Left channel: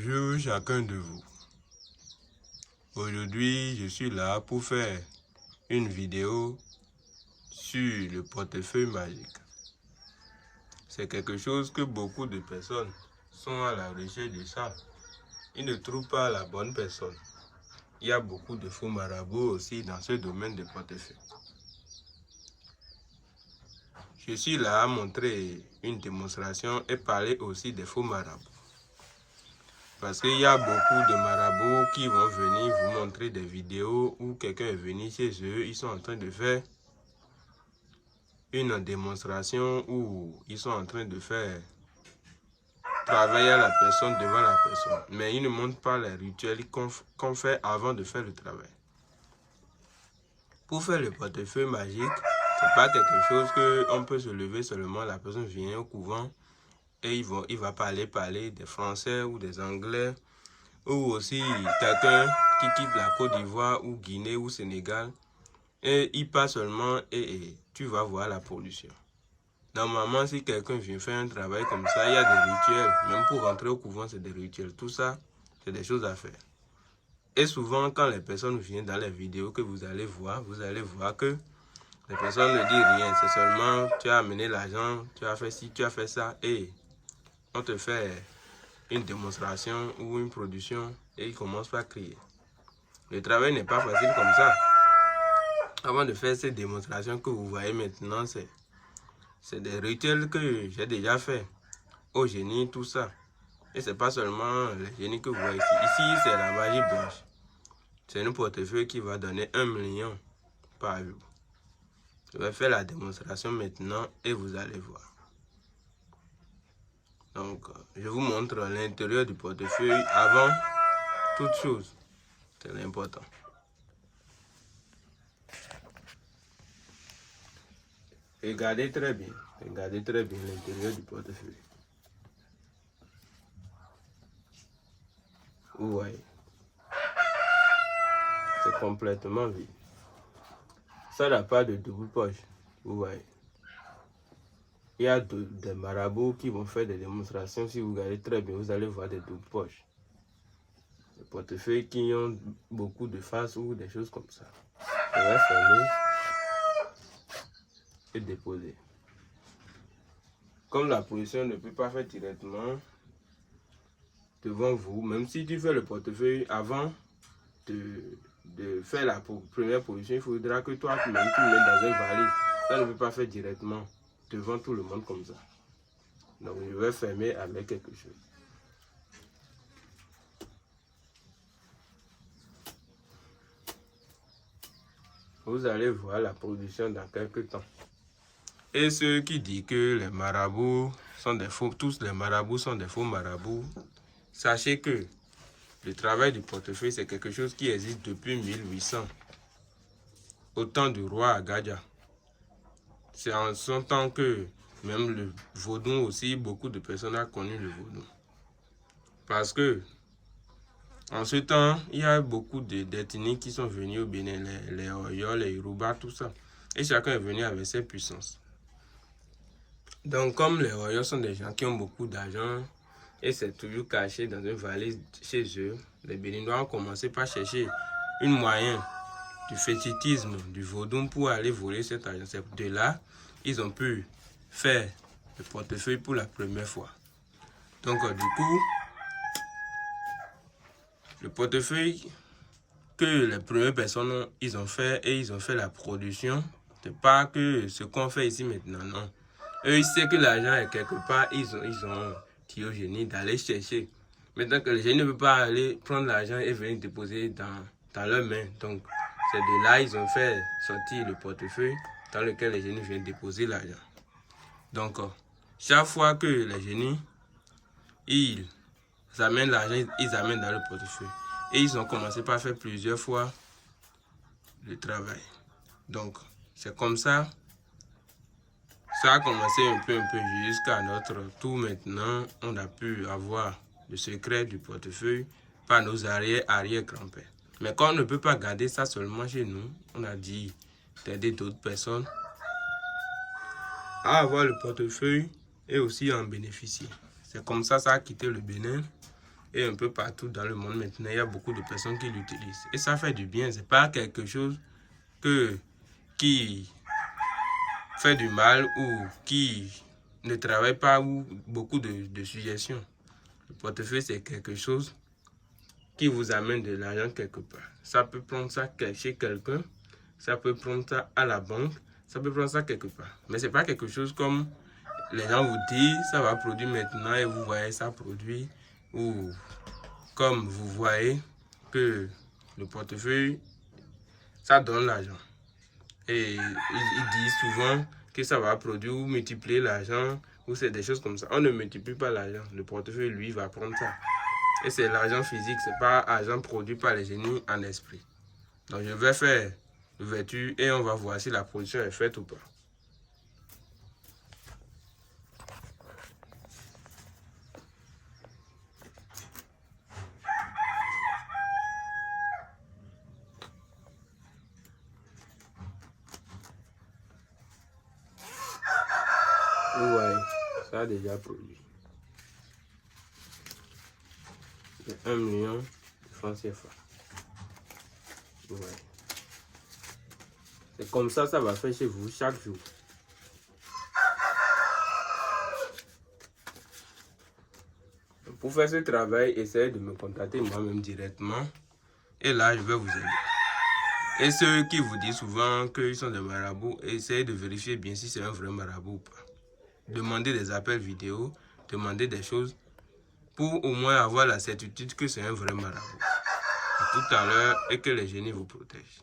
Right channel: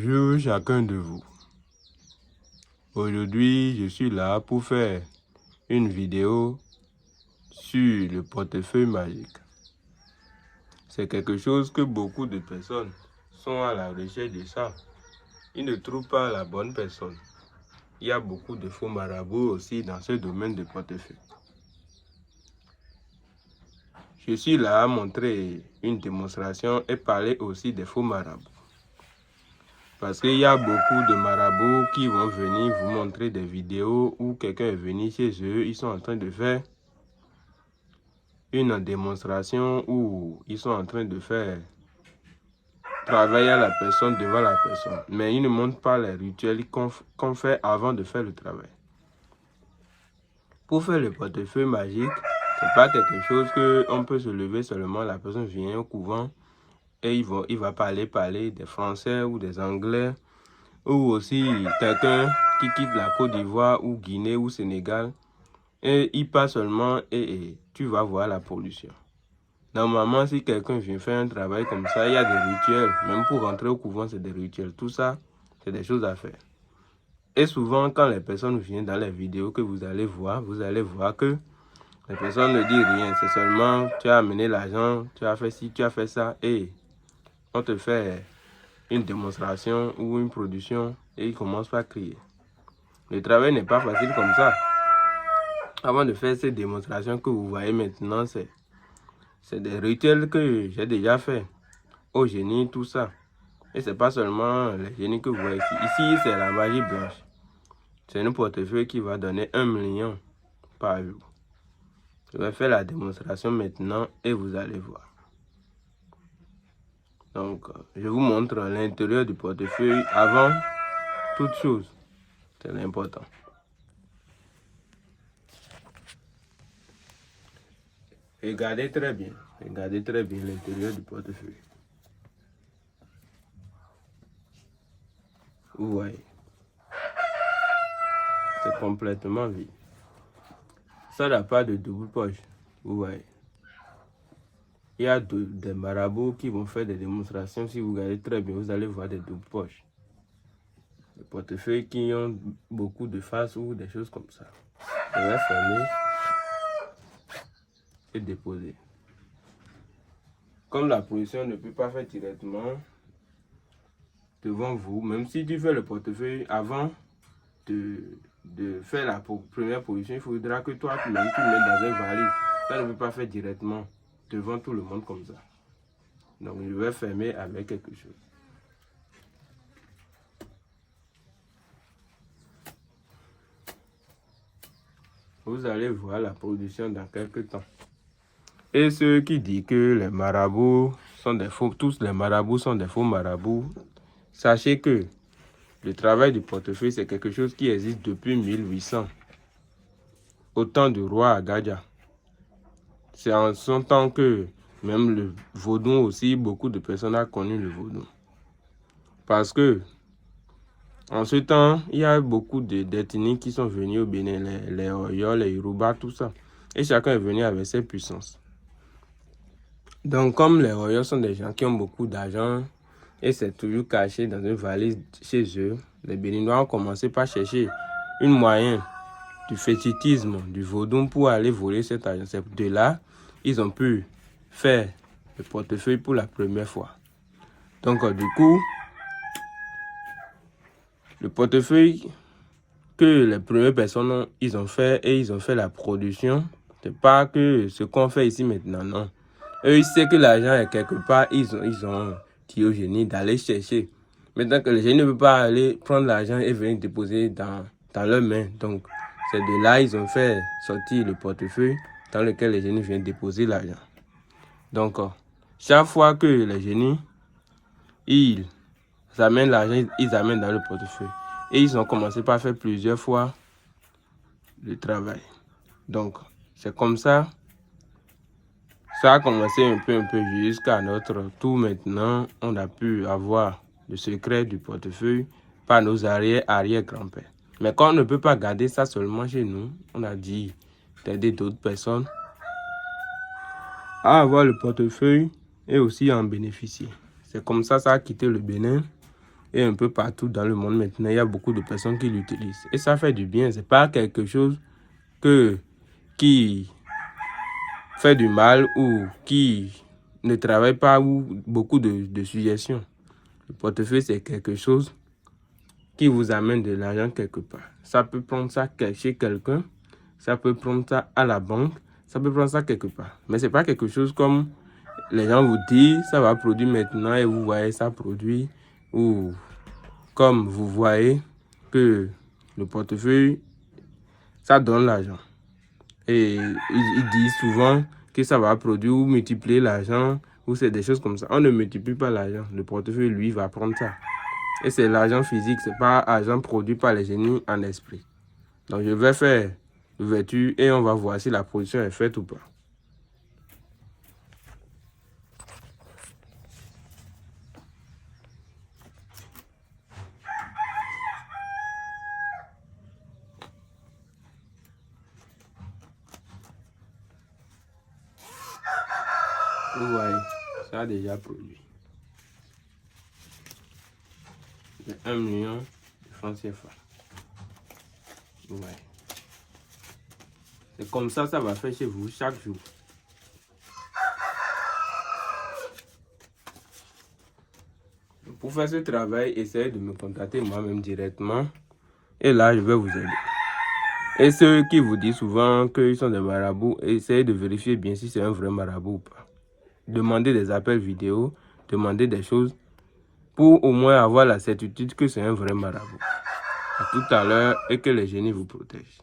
Bonjour chacun de vous. Aujourd'hui, je suis là pour faire une vidéo sur le portefeuille magique. C'est quelque chose que beaucoup de personnes sont à la recherche de ça. Ils ne trouvent pas la bonne personne. Il y a beaucoup de faux marabouts aussi dans ce domaine de portefeuille. Je suis là à montrer une démonstration et parler aussi des faux marabouts. Parce qu'il y a beaucoup de marabouts qui vont venir vous montrer des vidéos où quelqu'un est venu chez eux, ils sont en train de faire une démonstration où ils sont en train de faire travailler la personne devant la personne. Mais ils ne montrent pas les rituels qu'on fait avant de faire le travail. Pour faire le portefeuille magique, ce n'est pas quelque chose qu'on peut se lever seulement, la personne vient au couvent et il va parler des Français ou des Anglais. Ou aussi quelqu'un qui quitte la Côte d'Ivoire ou Guinée ou Sénégal et il passe seulement et tu vas voir la pollution. Normalement, si quelqu'un vient faire un travail comme ça, il y a des rituels. Même pour rentrer au couvent, c'est des rituels. Tout ça, c'est des choses à faire. Et souvent, quand les personnes viennent dans les vidéos que vous allez voir que les personnes ne disent rien. C'est seulement, tu as amené l'argent, tu as fait ci, tu as fait ça et on te fait une démonstration ou une production et ils commencent par crier. Le travail n'est pas facile comme ça. Avant de faire cette démonstration que vous voyez maintenant, c'est des rituels que j'ai déjà fait au génie, tout ça. Et c'est pas seulement les génies que vous voyez ici. Ici, c'est la magie blanche. C'est un portefeuille qui va donner 1 million par jour. Je vais faire la démonstration maintenant et vous allez voir. Donc, je vous montre l'intérieur du portefeuille avant toute chose. C'est l'important. Regardez très bien l'intérieur du portefeuille. Vous voyez, c'est complètement vide. Ça n'a pas de double poche. Vous voyez. Il y a des marabouts qui vont faire des démonstrations. Si vous regardez très bien, vous allez voir des doubles poches. Des portefeuilles qui ont beaucoup de faces ou des choses comme ça. On va fermer et déposer. Comme la position ne peut pas faire directement devant vous, même si tu fais le portefeuille avant de faire la première position, il faudra que toi tu le mettes dans une valise. Ça ne peut pas faire directement devant tout le monde comme ça. Donc je vais fermer avec quelque chose. Vous allez voir la production dans quelques temps. Et ceux qui disent que les marabouts sont des faux, tous les marabouts sont des faux marabouts, sachez que le travail du portefeuille, c'est quelque chose qui existe depuis 1800, au temps du roi Agadia. C'est en son temps que même le vaudou aussi, beaucoup de personnes ont connu le vaudou. Parce que en ce temps, il y a beaucoup d'ethnies qui sont venues au Bénin, les Oyo, les Yoruba, tout ça. Et chacun est venu avec ses puissances. Donc comme les Oyo sont des gens qui ont beaucoup d'argent, et c'est toujours caché dans une valise chez eux, les Béninois ont commencé par chercher une moyen du fétichisme, du vaudou pour aller voler cet argent. C'est de là ils ont pu faire le portefeuille pour la première fois. Donc du coup, le portefeuille que les premières personnes ils ont fait et ils ont fait la production, c'est pas que ce qu'on fait ici maintenant, non. Eux, ils savent que l'argent est quelque part, ils ont dit au génie d'aller chercher. Maintenant que le génie ne peut pas aller prendre l'argent et venir déposer dans leurs mains. Donc, c'est de là ils ont fait sortir le portefeuille dans lequel les génies viennent déposer l'argent. Donc, chaque fois que les génies, ils amènent l'argent, ils amènent dans le portefeuille. Et ils ont commencé par faire plusieurs fois le travail. Donc, c'est comme ça. Ça a commencé un peu jusqu'à notre tour maintenant. On a pu avoir le secret du portefeuille par nos arrière-grands-pères. Mais quand on ne peut pas garder ça seulement chez nous, on a dit d'aider d'autres personnes à avoir le portefeuille et aussi en bénéficier. C'est comme ça ça a quitté le Bénin Et un peu partout dans le monde maintenant, il y a beaucoup de personnes qui l'utilisent. Et ça fait du bien. C'est pas quelque chose qui fait du mal ou qui ne travaille pas ou beaucoup de suggestions. Le portefeuille, c'est quelque chose qui vous amène de l'argent quelque part. Ça peut prendre ça chez quelqu'un, ça peut prendre ça à la banque, ça peut prendre ça quelque part. Mais c'est pas quelque chose comme les gens vous disent, ça va produire maintenant et vous voyez ça produit. Ou comme vous voyez que le portefeuille, ça donne l'argent. Et ils disent souvent que ça va produire ou multiplier l'argent, ou c'est des choses comme ça. On ne multiplie pas l'argent. Le portefeuille, lui, va prendre ça. Et c'est l'argent physique, c'est pas l'argent produit par les génies en esprit. Donc je vais faire l'ouverture et on va voir si la production est faite ou pas. Vous voyez, ça a déjà produit. C'est 1 million de francs CFA. Vous voyez. C'est comme ça va faire chez vous chaque jour. Pour faire ce travail, essayez de me contacter moi-même directement. Et là, je vais vous aider. Et ceux qui vous disent souvent qu'ils sont des marabouts, essayez de vérifier bien si c'est un vrai marabout ou pas. Demandez des appels vidéo, demandez des choses pour au moins avoir la certitude que c'est un vrai marabout. À tout à l'heure et que les génies vous protègent.